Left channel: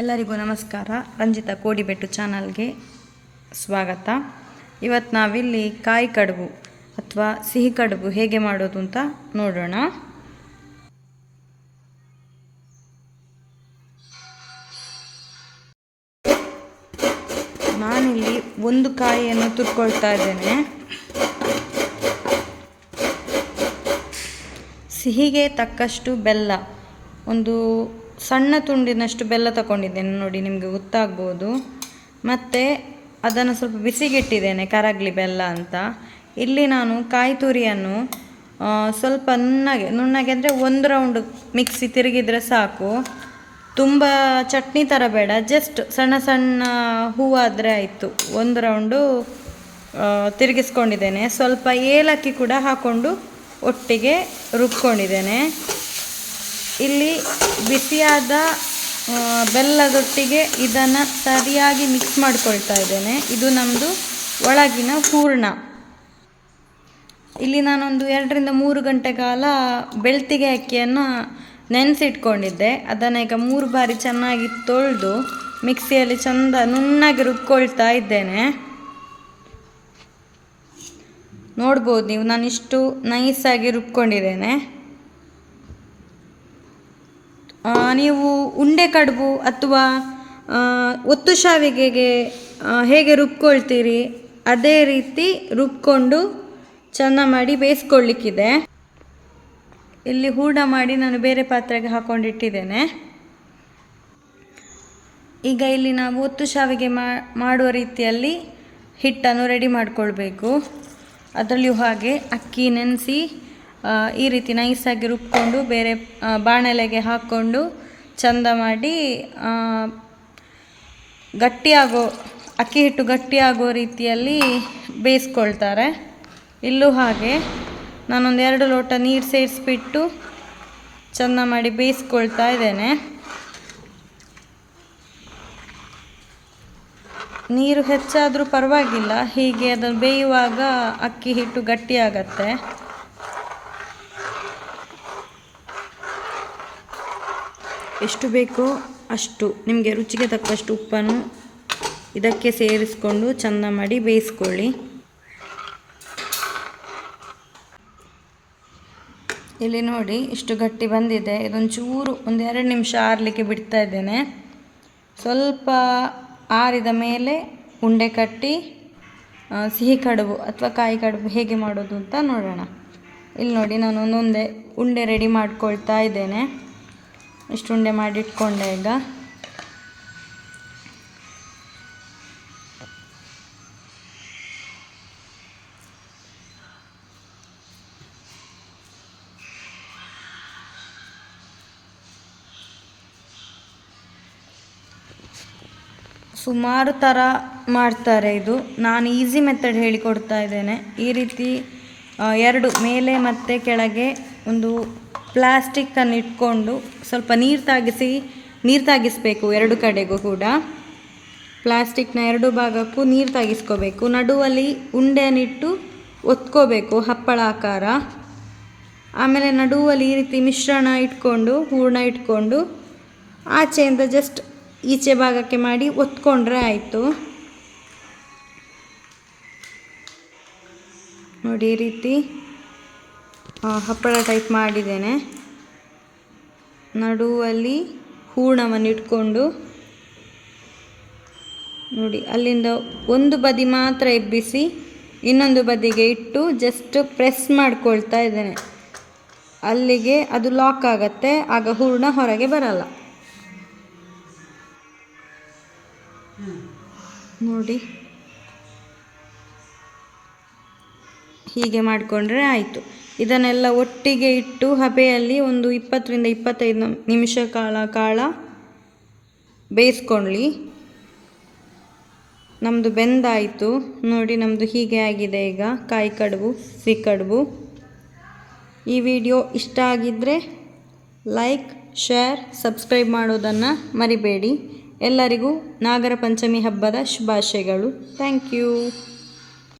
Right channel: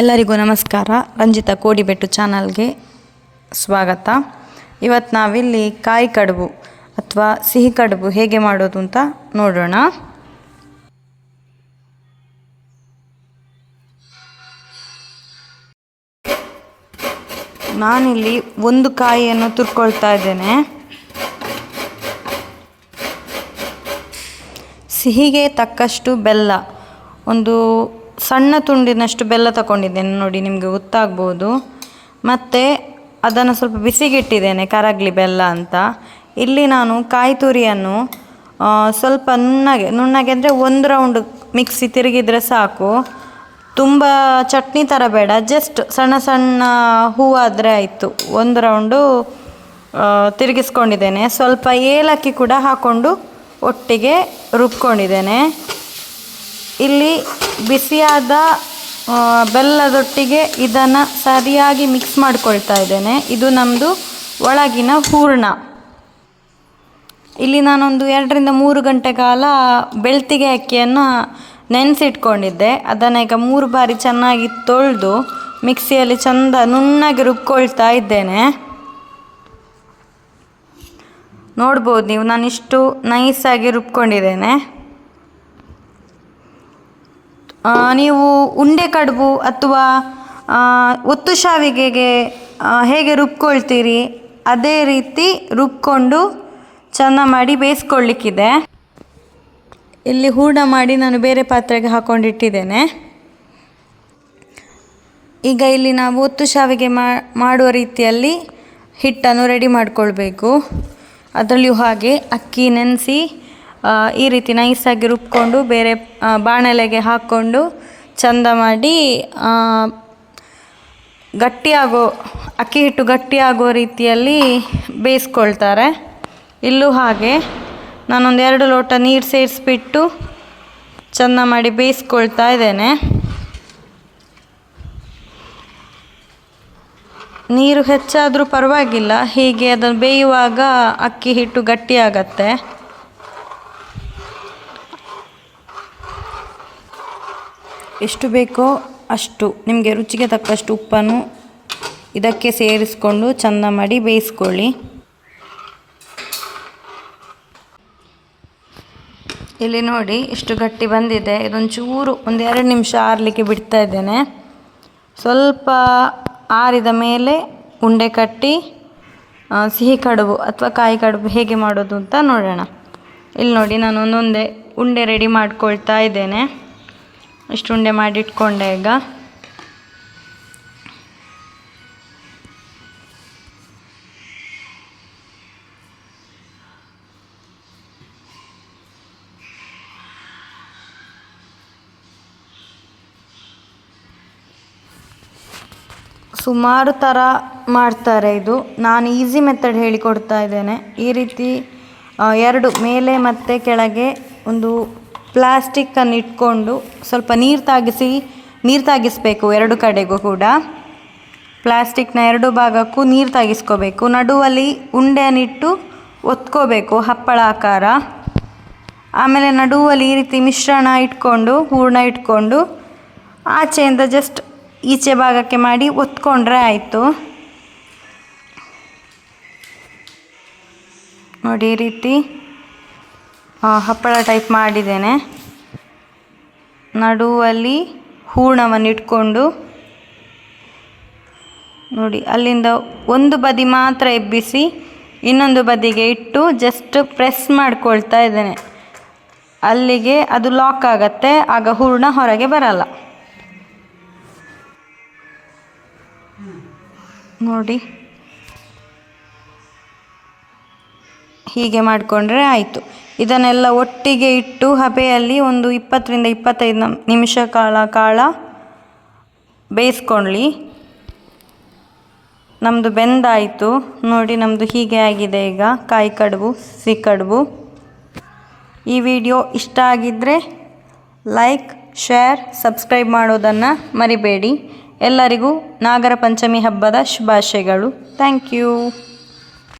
ಎಲ್ಲರಿಗೂ ನಮಸ್ಕಾರ. ರಂಜಿತಾ ಕೋಡಿಬೆಟ್ಟು ಚಾನಲ್ಗೆ ಸ್ವಾಗತ. ಇವತ್ತು ನಾವಿಲ್ಲಿ ಕಾಯಿ ಕಡುಬು ಅಥವಾ ಸಿಹಿ ಕಡುಬು ಹೇಗೆ ಮಾಡೋದು ಅಂತ ನೋಡೋಣ. ನಾನಿಲ್ಲಿ ಒಂದು ಕಾಯಿಯನ್ನು ತುರ್ಕೊಳ್ತಾ ಇದ್ದೇನೆ. ಸಿಹಿಗೆ ತಕ್ಕಷ್ಟು ಬೆಲ್ಲ, ಒಂದು ಸಣ್ಣ ತುಂಡಿನಷ್ಟು ಬೆಲ್ಲ ತಗೊಂಡಿದ್ದೇನೆ, ನೋಡಿ ನಿಮಗೆ ಗೊತ್ತಾಗ್ಬೋದು. ಮತ್ತು ಅದನ್ನು ಸ್ವಲ್ಪ ಬಿಸಿಗಿಟ್ಟಿದ್ದೇನೆ ಕರಗಲಿ ಬೆಲ್ಲ ಅಂತ. ಇಲ್ಲಿ ನಾನು ಕಾಯಿ ತುರಿಯನ್ನು ಸ್ವಲ್ಪ ನುಣ್ಣಗೆ ಅಂದರೆ ಒಂದು ರೌಂಡ್ ಮಿಕ್ಸಿ ತಿರುಗಿದರೆ ಸಾಕು, ತುಂಬ ಚಟ್ನಿ ಥರ ಬೇಡ, ಜಸ್ಟ್ ಸಣ್ಣ ಸಣ್ಣ ಹೂವಾದರೆ ಆಯಿತು. ಒಂದು ರೌಂಡು ತಿರುಗಿಸ್ಕೊಂಡಿದ್ದೇನೆ. ಸ್ವಲ್ಪ ಏಲಕ್ಕಿ ಕೂಡ ಹಾಕ್ಕೊಂಡು ಒಟ್ಟಿಗೆ ರುಬ್ಕೊಂಡಿದ್ದೇನೆ. ಇಲ್ಲಿ ಬಿಸಿಯಾದ ಬೆಲ್ಲದೊಟ್ಟಿಗೆ ಇದನ್ನು ಸರಿಯಾಗಿ ಮಿಕ್ಸ್ ಮಾಡ್ಕೊಳ್ತಾ ಇದ್ದೇನೆ. ಇದು ನಮ್ಮದು ಒಳಗಿನ ಹೂರಣ. ಇಲ್ಲಿ ನಾನೊಂದು 2-3 ಗಂಟೆ ಕಾಲ ಬೆಳ್ತಿಗೆ ಅಕ್ಕಿಯನ್ನು ನೆನೆಸಿಟ್ಕೊಂಡಿದ್ದೆ. ಅದನ್ನು ಈಗ 3 ಬಾರಿ ಚೆನ್ನಾಗಿ ತೊಳೆದು ಮಿಕ್ಸಿಯಲ್ಲಿ ಚೆಂದ ನುಣ್ಣಗೆ ರುಬ್ಕೊಳ್ತಾ ಇದ್ದೇನೆ. ನೋಡ್ಬೋದು ನೀವು, ನಾನಿಷ್ಟು ನೈಸಾಗಿ ರುಬ್ಕೊಂಡಿದ್ದೇನೆ. ನೀವು ಉಂಡೆ ಕಡುಬು ಅಥವಾ ಒತ್ತು ಶಾವಿಗೆಗೆ ಹೇಗೆ ರುಬ್ಕೊಳ್ತೀರಿ ಅದೇ ರೀತಿ ರುಬ್ಕೊಂಡು ಚೆಂದ ಮಾಡಿ ಬೇಯಿಸ್ಕೊಳ್ಳಿಕ್ಕಿದೆ. ಇಲ್ಲಿ ಹೂರಣ ಮಾಡಿ ನಾನು ಬೇರೆ ಪಾತ್ರೆಗೆ ಹಾಕ್ಕೊಂಡಿಟ್ಟಿದ್ದೇನೆ. ಈಗ ಇಲ್ಲಿ ನಾವು ಒತ್ತು ಶಾವಿಗೆ ಮಾಡುವ ರೀತಿಯಲ್ಲಿ ಹಿಟ್ಟನ್ನು ರೆಡಿ ಮಾಡಿಕೊಳ್ಬೇಕು. ಅದರಲ್ಲಿಯೂ ಹಾಗೆ ಅಕ್ಕಿ ನೆನೆಸಿ ಈ ರೀತಿ ನೈಸಾಗಿ ರುಬ್ಕೊಂಡು ಬೇರೆ ಬಾಣಲೆಗೆ ಹಾಕ್ಕೊಂಡು ಚೆಂದ ಮಾಡಿ ಅಕ್ಕಿ ಹಿಟ್ಟು ಗಟ್ಟಿಯಾಗೋ ರೀತಿಯಲ್ಲಿ ಬೇಯಿಸ್ಕೊಳ್ತಾರೆ. ಇಲ್ಲೂ ಹಾಗೆ ನಾನೊಂದು 2 ಲೋಟ ನೀರು ಸೇರಿಸ್ಬಿಟ್ಟು ಚೆಂದ ಮಾಡಿ ಬೇಯಿಸ್ಕೊಳ್ತಾ ಇದ್ದೇನೆ. ನೀರು ಹೆಚ್ಚಾದರೂ ಪರವಾಗಿಲ್ಲ, ಹೀಗೆ ಅದನ್ನು ಬೇಯುವಾಗ ಅಕ್ಕಿ ಹಿಟ್ಟು ಗಟ್ಟಿಯಾಗತ್ತೆ. ಎಷ್ಟು ಬೇಕೋ ಅಷ್ಟು ನಿಮಗೆ ರುಚಿಗೆ ತಕ್ಕಷ್ಟು ಉಪ್ಪನ್ನು ಇದಕ್ಕೆ ಸೇರಿಸ್ಕೊಂಡು ಚೆಂದ ಮಾಡಿ ಬೇಯಿಸ್ಕೊಳ್ಳಿ. ಇಲ್ಲಿ ನೋಡಿ ಎಷ್ಟು ಗಟ್ಟಿ ಬಂದಿದೆ. ಇದೊಂಚೂರು 1-2 ನಿಮಿಷ ಆರಲಿಕ್ಕೆ ಬಿಡ್ತಾ ಇದ್ದೇನೆ. ಸ್ವಲ್ಪ ಆರಿದ ಮೇಲೆ ಉಂಡೆ ಕಟ್ಟಿ ಸಿಹಿ ಕಡುಬು ಅಥವಾ ಕಾಯಿ ಕಡುಬು ಹೇಗೆ ಮಾಡೋದು ಅಂತ ನೋಡೋಣ. ಇಲ್ಲಿ ನೋಡಿ ನಾನು ಒಂದೊಂದೇ ಉಂಡೆ ರೆಡಿ ಮಾಡ್ಕೊಳ್ತಾ ಇದ್ದೇನೆ. ಇಷ್ಟು ಉಂಡೆ ಮಾಡಿಟ್ಕೊಂಡೆ. ಈಗ ಸುಮಾರು ಥರ ಮಾಡ್ತಾರೆ. ಇದು ನಾನು ಈಸಿ ಮೆಥಡ್ ಹೇಳಿಕೊಡ್ತಾ ಇದ್ದೇನೆ. ಈ ರೀತಿ 2 ಮೇಲೆ ಮತ್ತು ಕೆಳಗೆ ಒಂದು ಪ್ಲಾಸ್ಟಿಕ್ಕನ್ನು ಇಟ್ಕೊಂಡು ಸ್ವಲ್ಪ ನೀರು ತಾಗಿಸಬೇಕು 2 ಕಡೆಗೂ ಕೂಡ. ಪ್ಲಾಸ್ಟಿಕ್ನ 2 ಭಾಗಕ್ಕೂ ನೀರು ತಾಗಿಸ್ಕೋಬೇಕು. ನಡುವಲ್ಲಿ ಉಂಡೆಯನ್ನಿಟ್ಟು ಒತ್ಕೋಬೇಕು ಹಪ್ಪಳ ಆಕಾರ. ಆಮೇಲೆ ನಡುವಲ್ಲಿ ಈ ರೀತಿ ಮಿಶ್ರಣ ಇಟ್ಕೊಂಡು ಹೂರಣ ಇಟ್ಕೊಂಡು ಆಚೆಯಿಂದ ಜಸ್ಟ್ ಈಚೆ ಭಾಗಕ್ಕೆ ಮಾಡಿ ಒತ್ಕೊಂಡ್ರೆ ಆಯಿತು. ನೋಡಿ ಈ ರೀತಿ ಹಪ್ಪಳ ಟೈಪ್ ಮಾಡಿದ್ದೇನೆ. ನಡುವಲ್ಲಿ ಹೂರಣವನ್ನು ಇಟ್ಕೊಂಡು ನೋಡಿ ಅಲ್ಲಿಂದ ಒಂದು ಬದಿ ಮಾತ್ರ ಎಬ್ಬಿಸಿ ಇನ್ನೊಂದು ಬದಿಗೆ ಇಟ್ಟು ಜಸ್ಟ್ ಪ್ರೆಸ್ ಮಾಡ್ಕೊಳ್ತಾ ಇದ್ದೇನೆ. ಅಲ್ಲಿಗೆ ಅದು ಲಾಕ್ ಆಗತ್ತೆ, ಆಗ ಹೂರಣ ಹೊರಗೆ ಬರಲ್ಲ. ನೋಡಿ ಹೀಗೆ ಮಾಡಿಕೊಂಡ್ರೆ ಆಯಿತು. ಇದನ್ನೆಲ್ಲ ಒಟ್ಟಿಗೆ ಇಟ್ಟು ಹಬೆಯಲ್ಲಿ ಒಂದು 20-25 ನಿಮಿಷ ಕಾಲ ಬೇಯಿಸ್ಕೊಳ್ಳಿ. ನಮ್ಮದು ಬೆಂದಾಯಿತು ನೋಡಿ. ನಮ್ಮದು ಹೀಗೆ ಆಗಿದೆ ಈಗ ಕಾಯಿ ಕಡುಬು, ಸಿಹಿ ಕಡುಬು. ಈ ವಿಡಿಯೋ ಇಷ್ಟ ಆಗಿದ್ದರೆ ಲೈಕ್, ಶೇರ್, ಸಬ್ಸ್ಕ್ರೈಬ್ ಮಾಡೋದನ್ನು ಮರಿಬೇಡಿ. ಎಲ್ಲರಿಗೂ ನಾಗರ ಪಂಚಮಿ ಹಬ್ಬದ ಶುಭಾಶಯಗಳು. Thank you.